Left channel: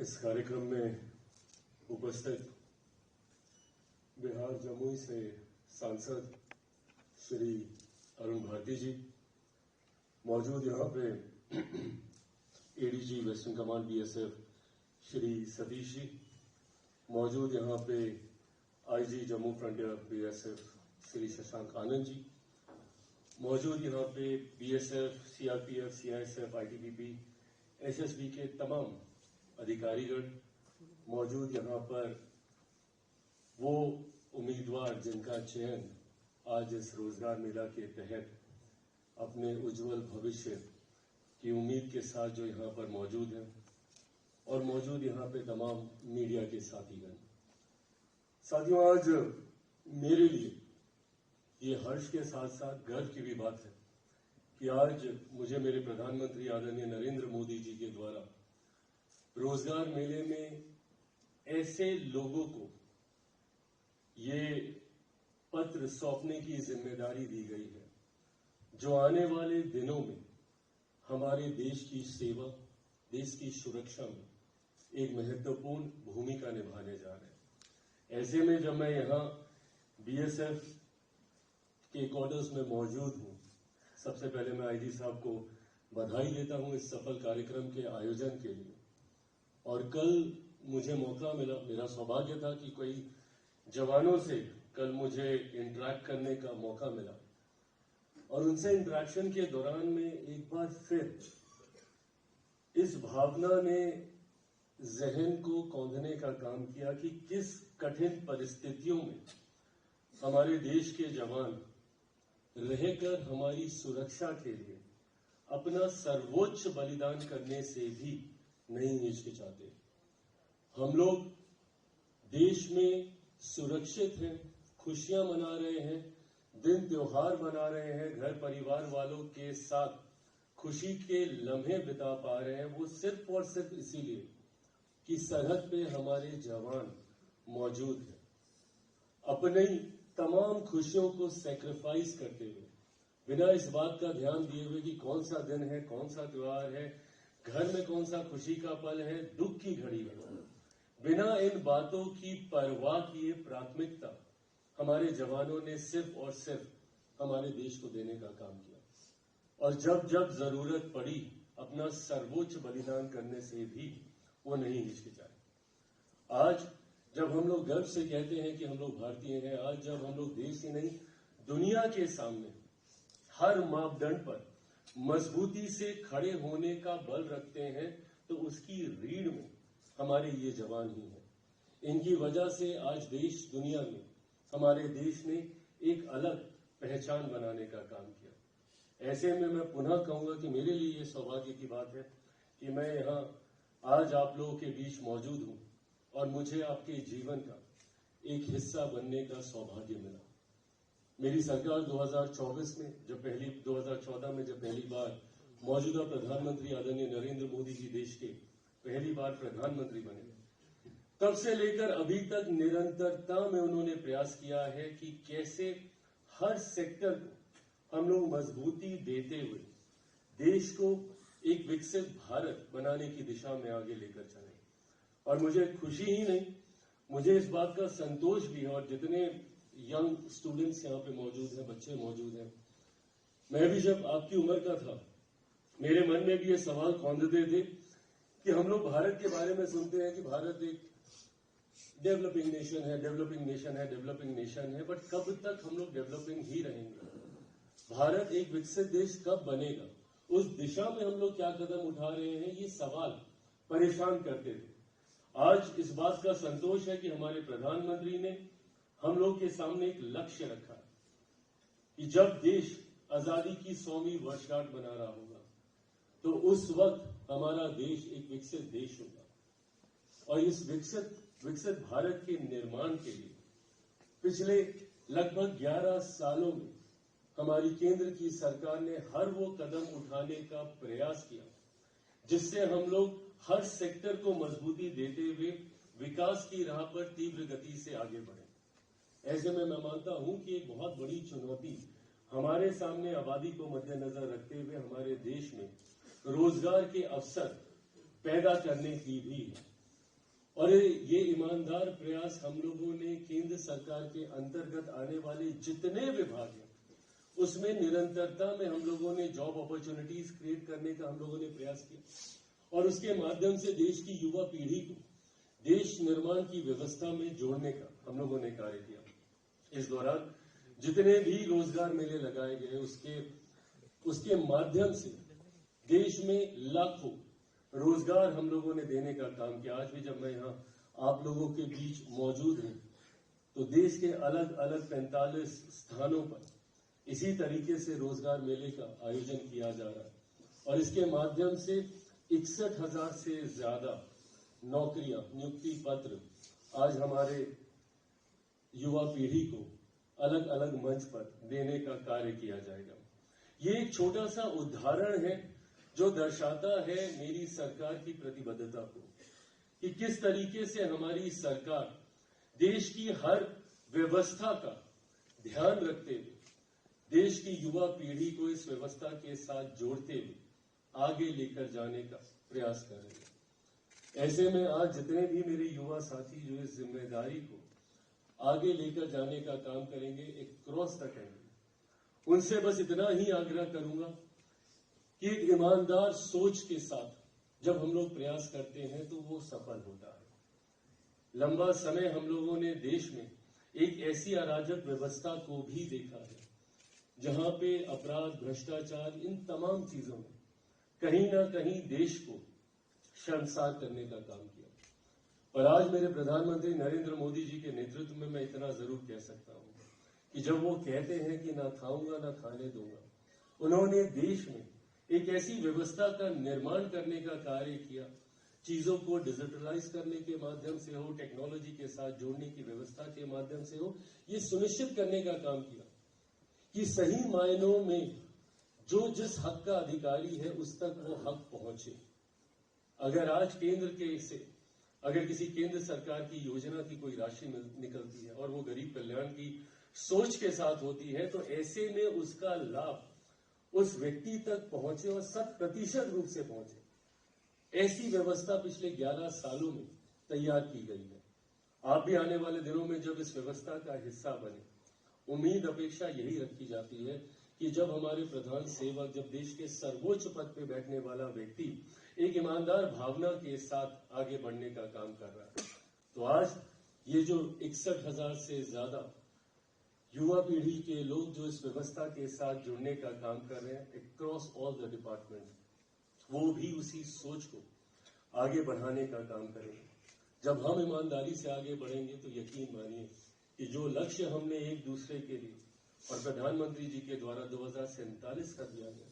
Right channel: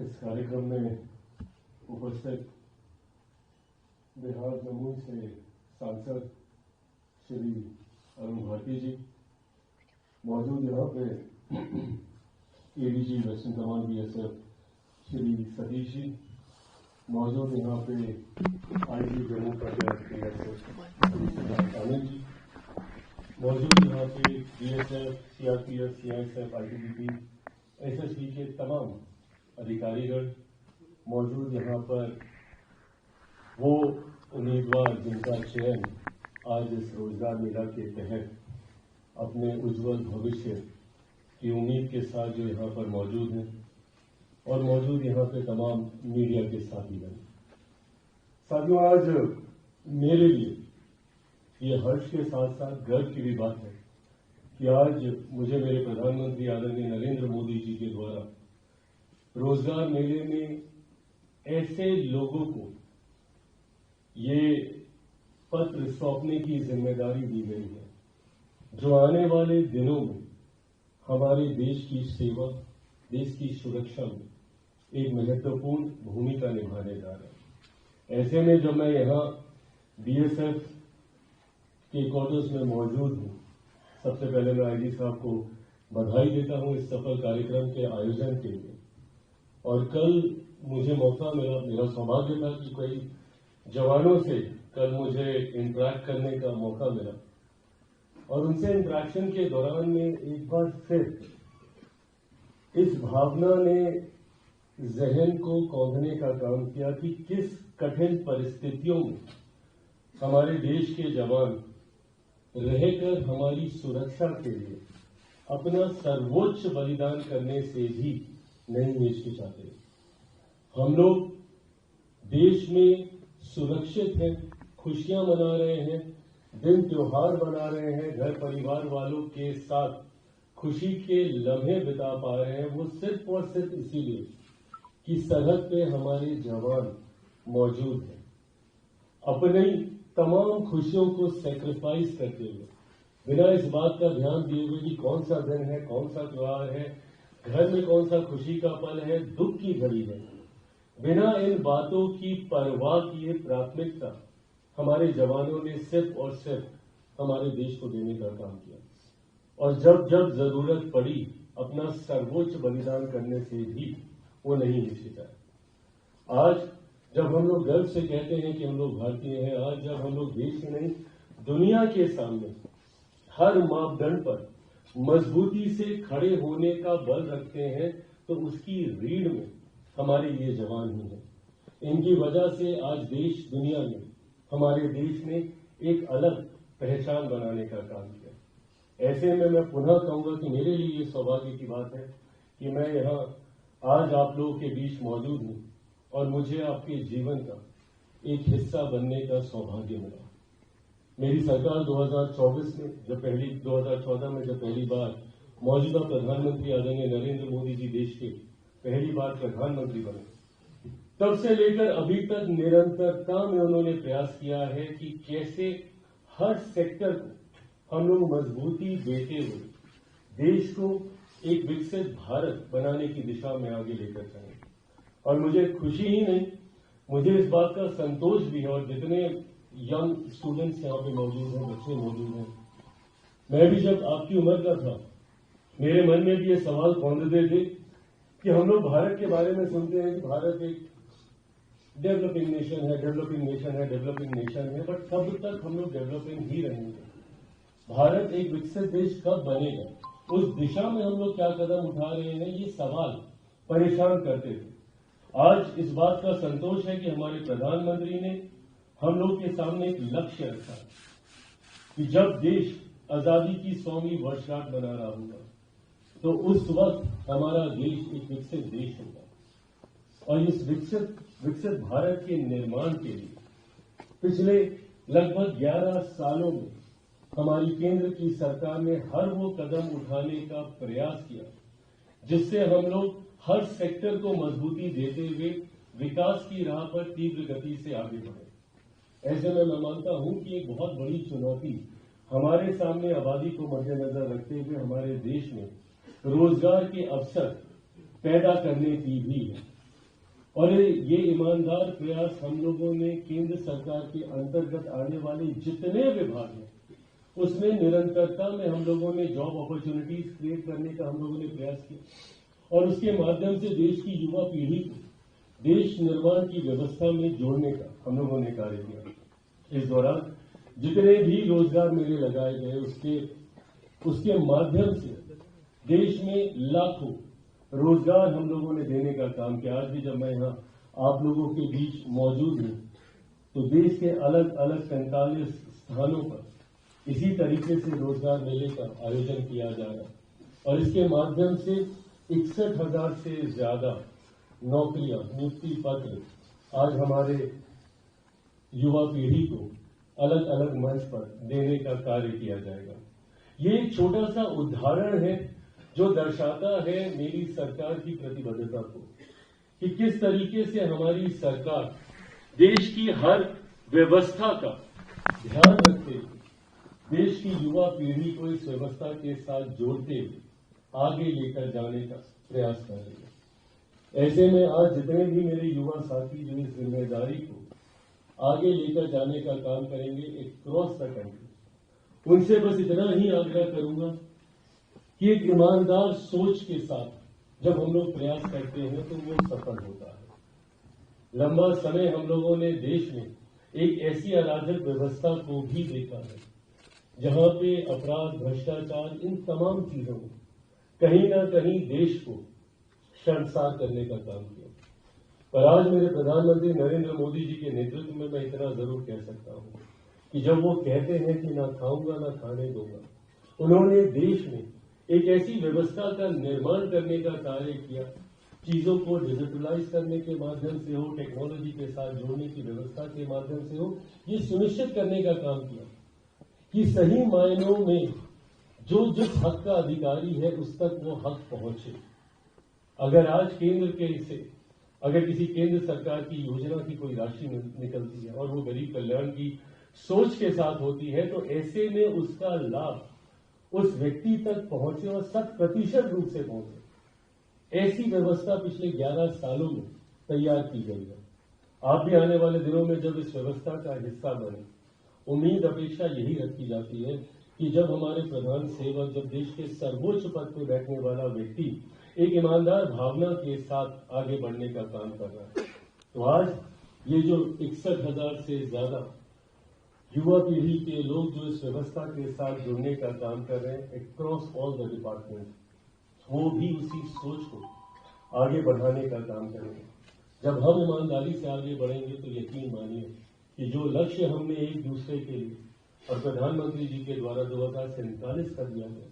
इस कार्यक्रम में उपस्थित बिहार जमुई से सांसद श्री अरुण भारती जी, मौजूद यहाँ पे ADG western command BSF Shri Satish ji, मौजूद यहाँ पे IG Jammu frontier BSF Shri Shashank Anand ji, मौजूद यहाँ पे BSF, CRPF, CISF, ITBP, SSB के तमाम अधिकारीगण, मौजूद यहाँ पर वो उम्मीदवार जिनका चयन आज इस रोजगार मेला के तहत अपने उज्जवल भविष्य की उम्मीद के साथ जो यहाँ पर मौजूद हैं, और मौजूद यहाँ पे तमाम मीडिया के साथीगण। साथियों, आज मेरे लिए ये हर्ष के साथ साथ गर्व की भी बात है कि आज मुझे मेरे प्रधानमंत्री आदरणीय नरेंद्र मोदी जी के द्वारा रोजगार मेले में ऐसे लोगों को ये पत्र सौंपने की जिम्मेदारी दी गई है जो आने वाले दिनों में हमारे देश की सेवा, देश की सुरक्षा में एक महत्वपूर्ण भूमिका निभाने जा रहे हैं। ऐसे में जब मैं यहाँ बीएसएफ के क्वार्टर्स में मौजूद हूँ, सबसे पहले मैं आईजी साहब को बधाई देता हूँ इस सफल कार्यक्रम के आयोजन के लिए। और कल मुझे मौका मिला, मेरा सौभाग्य था कि कई जवानों से कल मुझे इंटरेक्ट करने का मौका मिला, और उनसे इंटरेक्शन के दौरान में एक बार फिर इस भावना ने जहन को कौंधने का काम किया कि किस कठिन परिस्थितियों में हमारे देश के जवान रहकर हमारी सुरक्षा के लिए अपना सर्वोच्च बलिदान करने से भी नहीं हिचकिचाते। हम लोग देश में सुरक्षित हैं, खुशियां मना रहे हैं, दिन त्योहार मना रहे हैं, घर परिवार वालों के साथ खुशी के लम्हे बिता पा रहे हैं, वो सिर्फ और सिर्फ इसीलिए कि सरहद पे हमारे जवान मौजूद हैं। अपनी तमाम खुशियों को सैक्रिफाइस करते हुए, बिना इस बात का ध्यान दिए हुए कि कौन सा दिन है, कौन सा त्योहार है, घर में कौन सा खुशी का पल है, दुख की घड़ी है, बिना इन बातों की परवाह किए प्राथमिकता हमारे जवानों ने सिर्फ और सिर्फ हमारे देश को देने का काम किया, और जब जब जरूरत पड़ी अपना सर्वोच्च बलिदान करने से भी वो नहीं हिचकिचाए। आज जब हम लोग गर्व से कहते हैं कि हम लोग भारतीय हैं, आज जब हम लोग देश ही नहीं दुनिया के सामने हर मापदंड पर मजबूती से खड़े होने का बल रखते हैं, तो उसकी रीढ़ में हमारे ये जवान ही हैं। इनकी वजह से आज देश दुनिया में, हमारे देश ने एक अलग पहचान बनाने का काम किया। ऐसे में मैं पुनः कहूंगा कि मेरे लिए ये सौभाग्य की बात है कि मैं यहाँ आज आप लोगों के बीच मौजूद हूँ और मुझे आपके जीवन का एक हिस्सा बनने का सौभाग्य मिला। मेरी सरकार 2014 में जब पहली बार मौजूदा प्रधानमंत्री आदरणीय नरेंद्र मोदी जी देश के पहली बार प्रधानमंत्री बने, तब से लेकर अभी तक निरंतरता में उन्होंने प्रयास किया है कि कैसे हर सेक्टर को हम लोग मजबूती देते हुए देश को एक विकसित भारत बनाने की दिशा में आगे लेकर चलें। और मुझे खुशी ही नहीं, मुझे इस बात का संतोष भी है, और जितने यंग स्टूडेंट्स यहाँ पे मौजूद हैं, बच्चे मौजूद हैं, मैं भी जब आपकी उम्र का था, मेरे मन में भी ये सवाल कौंधते थे कि हम लोग भारत के बारे में सुनते हैं कि भारत एक डेवलपिंग नेशन है, डेवलपिंग नेशन है, डेवलपिंग नेशन है, बट कब तक हम लोग डेवलपिंग ही रहेंगे? भारत एक विकसित देश कब बनेगा? उस दिशा में हम लोग क्या कदम उठा रहे हैं, ये सवाल परेशान करते थे। आज इस बात का संतोष है कि हमारे प्रधानमंत्री ने हम लोग के सामने एक लक्ष्य रखा कि जब देश आजादी की 100वीं वर्षगांठ मना रहा होगा, तो उस वक्त हमारा देश एक विकसित देश होगा। और इस विकसित भारत के निर्माण के लिए पिछले लगभग 11 सालों में हमारी केंद्र की सरकार ने हर वो कदम उठाने का प्रयास किया जिससे हम लोग हर सेक्टर को मजबूती देते हुए विकास की राह पर तीव्र गति से आगे बढ़े। ऐसे में मैं मानता हूं कि एक बहुत बड़ी चुनौती हमारे सामने आबादी को मद्देनजर रखते हुए हमारे देश में रोजगार के अवसर पैदा करने की भी है। और ये ईमानदार प्रयास हम लोगों ने केंद्र सरकार के अंतर्गत आने वाले जितने विभाग हैं उसमें निरंतरता में हम लोगों ने जॉब अपॉर्चुनिटीज क्रिएट करने का हम लोगों ने प्रयास किया और उसके माध्यम से देश की युवा पीढ़ी को देश निर्माण की व्यवस्था में जोड़ने का हम लोगों ने कार्य किया। इस दौरान जितने भी रोजगार मेले लगाए गए उसके माध्यम से देश में लाखों रोजगार हम लोगों ने देने का काम किया। आज भी जब मैं यहाँ आप लोगों के बीच मौजूद हूँ तो देश के अलग अलग 45 स्थानों पर इसी तरीके से रोजगार मेले का आयोजन किया जा रहा और इसके माध्यम से 61,000 से ज्यादा नौकरियां, नियुक्ति पत्र आज हमारे युवा पीढ़ी को अलग अलग मंच पर देने का कार्य किया जाएगा। ये एक छोटा सा उदाहरण है जो दर्शाता है मेरी सरकार की प्रतिबद्धता को कि किस तरीके से हमारी सरकार देश की हर व्यवस्था का ध्यान रखते हुए देश की युवा पीढ़ी को इस व्यवस्था के साथ जोड़ते हुए आगे लेकर जाने का प्रयास कर रही है। ऐसे में आज जितने भी मेरे युवा साथी जो इस जिम्मेदारी को आगे लेकर जाने का काम करेंगे एक क्रॉस द कंट्री, उनसे बस इतना ही आग्रह करूंगा कि एक ईमानदार सोच के साथ जब हम लोग प्रयास करते हैं तो वो सफल होता है। लंबा समय हम लोगों ने देश में एक ऐसी अराजक व्यवस्था को भी देखा है जहां पे अपराध, भ्रष्टाचार, इन तमाम चीजों में कहीं ना कहीं देश को शर्मसार करने का काम किया। पर आज मेरे प्रधानमंत्री नरेंद्र मोदी जी के नेतृत्व में मैं इतना जरूर कह सकता हूं कि जब वो कहते हैं कि ना खाऊंगा ना खाने दूंगा, उन्होंने देश में एक ऐसी व्यवस्था का निर्माण करने का कार्य किया, चीजों को डिजिटलाइज करने के माध्यम से हो, टेक्नोलॉजी के साथ जोड़ने की व्यवस्था के माध्यम से हो, ये सुनिश्चित करने का काम किया कि सही मायनों में जो जिस हक का अधिकारी है उस तक वो हक पहुंचे। अगर आज अगर किसी केंद्र सरकार की योजना की कोई राशि निकलती है और वो गरीब कल्याण की सोच के साथ होती है तो ऐसे में उसका लाभ उस व्यक्ति तक पहुंचे और 100% रूप से पहुंचे। ऐसी व्यवस्था पिछले 11 सालों में तैयार की गई है। आप भी आने वाले दिनों में जब इस व्यवस्था का हिस्सा बने, उम्मीद अपेक्षा यही रखी जाती है कि जब हमारे प्रधान सेवक, जब देश के सर्वोच्च पद पे बैठने वाला व्यक्ति एक ईमानदार भावना के साथ आगे बढ़ने का काम कर रहा है, तो आज ये जो 61,000 से ज्यादा युवा पीढ़ी के लोग जो इस व्यवस्था के साथ जुड़ने का काम कर रहे हैं अक्रॉस ऑल द डिपार्टमेंट, वो भी उसी सोच को आगे बढ़ाने का काम करेंगे। जब हम ईमानदारी से आगे बढ़ेंगे तो यकीन मानिए कि जो लक्ष्य हमने एक दूसरे के लिए और प्रधानमंत्री जी के द्वारा 2047 कर दिया है,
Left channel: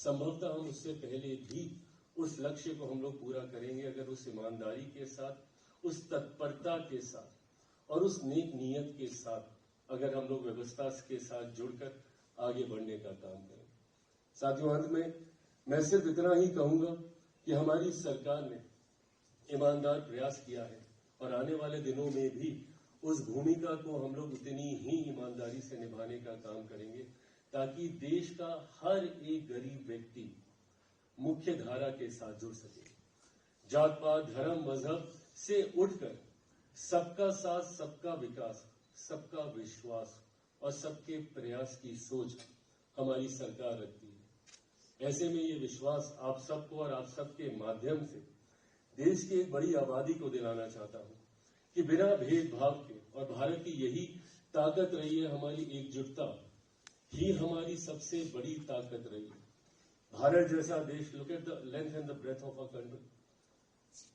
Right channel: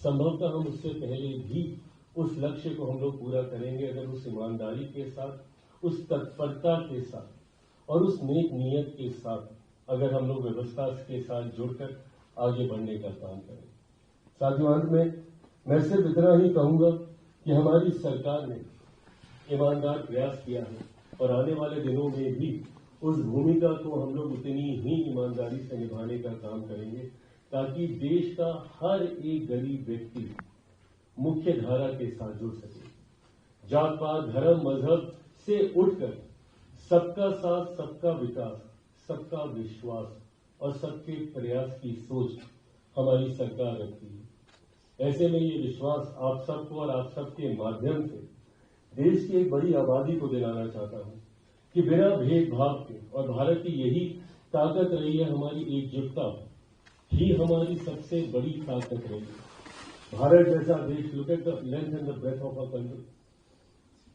संभवतः हम उससे पहले भी उस लक्ष्य को हम लोग पूरा करेंगे अगर उस ईमानदारी के साथ, उस तत्परता के साथ और उस नेक नीयत के साथ अगर हम लोग व्यवस्था के साथ जुड़कर आगे बढ़ने का काम करें। साथियों, अंत में मैं सिर्फ इतना ही कहूंगा कि हमारी सरकार ने ईमानदार प्रयास किया है और आने वाले दिनों में भी उस भूमिका को हम लोग उतनी ही ईमानदारी से निभाने का काम करेंगे ताकि देश का हर एक गरीब व्यक्ति मुख्य धारा के साथ जुड़ सके। जात पात, धर्म, मजहब से उठकर सबका साथ, सबका विकास, सबका विश्वास और सबके प्रयास की सोच हमारी सरकार रखती है। ऐसे में ये विश्वास आप सबको और आप सबके माध्यम से देश की एक बड़ी आबादी को दिलाना चाहता हूं कि बिना भेदभाव के, और भारत की यही ताकत रही है, हमारी एकजुटता ही हमारी सबसे बड़ी ताकत रही है। भारत जैसा देश, look at the length and the breadth of our country,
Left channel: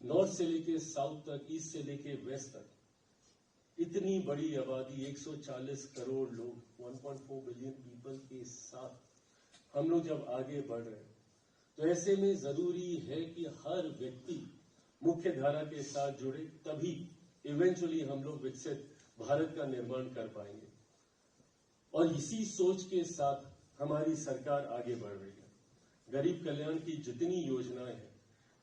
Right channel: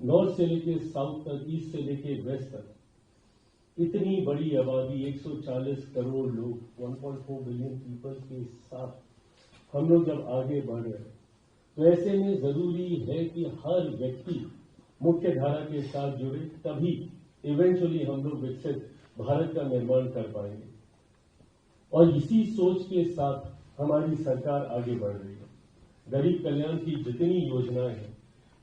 north से लेके साउथ तक, ईस्ट से लेके वेस्ट तक, इतनी बड़ी आबादी, 140 करोड़ लोग, 1.4 बिलियन पीपल के साथ हम लोग जब आगे बढ़ रहे हैं तो ऐसे में जरूरी है कि हर व्यक्ति मुख्य धारा के साथ जुड़े, तभी इवेंचुअली हम लोग विकसित भारत का निर्माण कर पाएंगे। और इसी सोच के साथ हमारी सरकार आगे बढ़ रही है। गरीब कल्याण की जितनी योजनाएं हैं,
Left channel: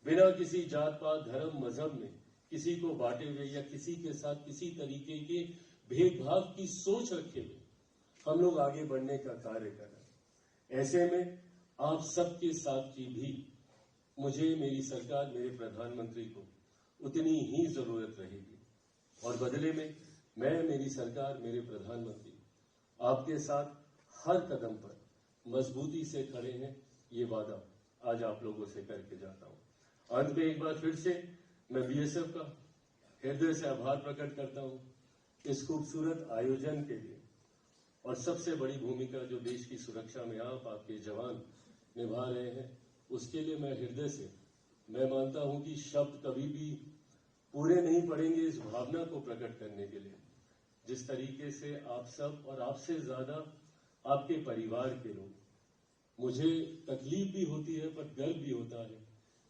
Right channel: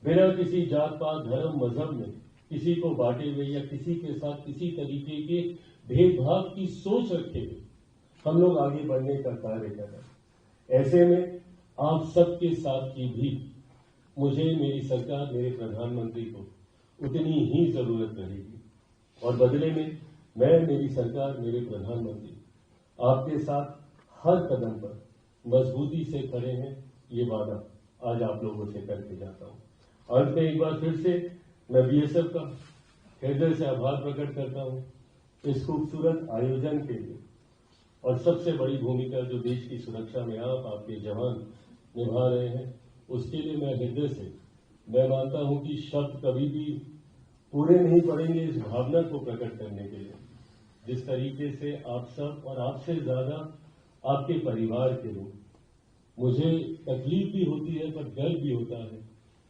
बिना किसी जात पात, धर्म, मजहब में किसी को बांटे हुए या किसी के साथ किसी तरीके के भेदभाव की सोच रखे हुए हम लोग आगे बढ़ने का कार्य कर रहे हैं। ऐसे में आप सबके साथ की भी मुझे, मेरी सरकार, मेरे प्रधानमंत्री को उतनी ही जरूरत रहेगी। और बदले में मैं, मेरी सरकार, मेरे प्रधानमंत्री आपके साथ हर कदम पर मजबूती से खड़े हैं, ये वादा आज आप लोगों से करके जाता हूं। अंत में एक बार फिर से मैं बीएसएफ का हृदय से आभार प्रकट करता हूं इस खूबसूरत आयोजन के लिए, और सबसे बड़ी भूमिका जो देश की सुरक्षा में आपके जवान निभा रहे हैं, उसके लिए मैं हृदय से मैं मानता हूं कि शब्द कभी भी पूरे नहीं पड़ेंगे इस भावना को प्रकट करने के लिए, जिस तरीके से आप सब और आपसे ज्यादा आपके परिवार के लोग, मुझे तकलीफ भी होती है पर गर्व भी होता है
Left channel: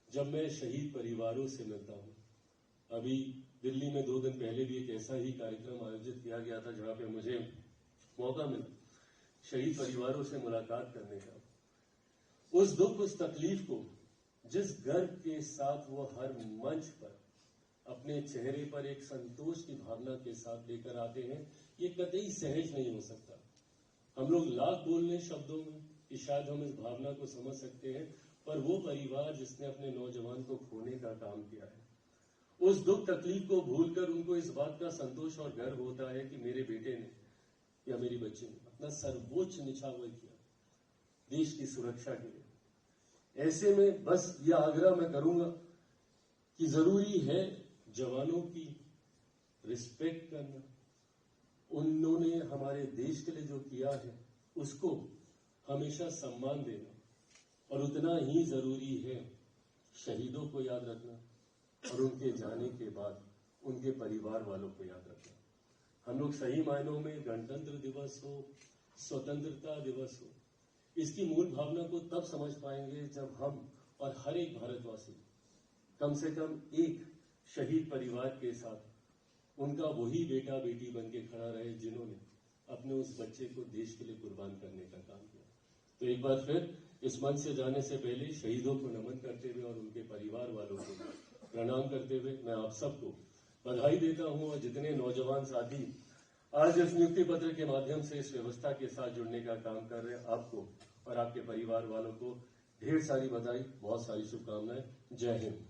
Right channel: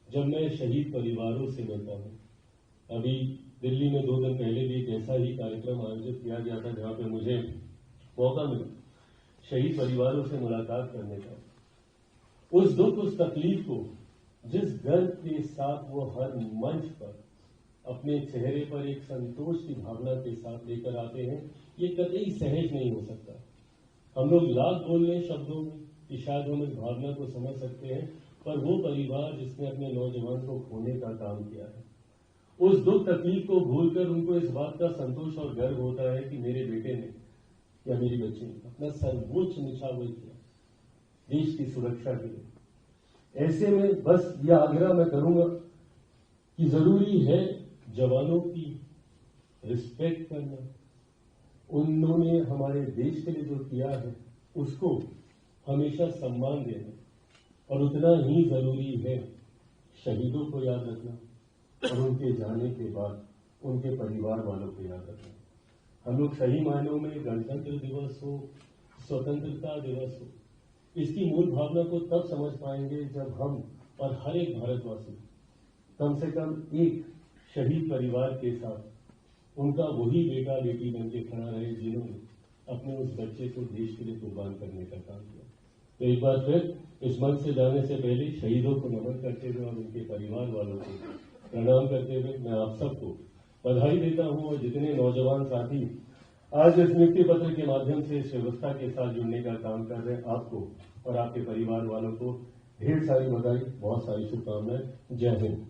जब मैं शहीद परिवारों से मिलता हूं। अभी दिल्ली में 2 दिन पहले भी एक ऐसा ही कार्यक्रम आयोजित किया गया था जहां पे मुझे मौका मिला शहीद परिवारों से मुलाकात करने का। उस दुख, उस तकलीफ को जिस गर्व के साथ वो हर मंच पर अपने चेहरे पर एक संतोष की भावना के साथ लेकर आते हैं, ये कतई सहज नहीं हो सकता। हम लोग लाख बोल रहे शब्दों में कि शायद हम इस भावना को समझ सकते हैं, पर वो परिवार जिसने अपने नौजवान को खोने का काम किया है, उस दुख तकलीफ को भूलकर उनको इस बात का संतोष और गर्व होता है कि मेरे बेटे ने या मेरी बच्ची ने अपना सर्वोच्च निछावर किया देश की सुरक्षा के लिए। ऐसे में बस यह आग्रह मैं करूंगा कि जरूरी है जवानों की रिस्पेक्ट करना, उन्होंने हमारे देश के लिए जो किया है उसको हमेशा सम्मान देना, और उतना ही जरूरी है शहीदों को याद रखना और उनके जाने के बाद उनके परिवार वालों को याद रखना। हम लोग सही मायनों में गणतंत्र दिवस हो, स्वतंत्रता दिवस हो, इसकी मूल भावना को तब समझ पाएंगे जब हम और हर एक भारतवासी कम से कम एक शहीद परिवार के साथ उनका वही बेटा बेटी बन के खड़ा रहे जिन्होंने अपने उस बच्चे को देश के लिए कुर्बान करने का काम किया। तो एक बार फिर इस मंच से जाने से पहले शहीदों को नमन करते हुए और उनके परिवार वालों को प्रणाम करते हुए मैं आप सबको बधाई देता हूं, और जितने नौजवान साथी आज इस नियुक्ति पत्र के माध्यम से इस व्यवस्था के साथ जुड़ने का काम कर रहे हैं, आपको और आपके परिवार वालों को ढेर सारी बधाई, बहुत सारी शुभकामनाएं। जय हिंद।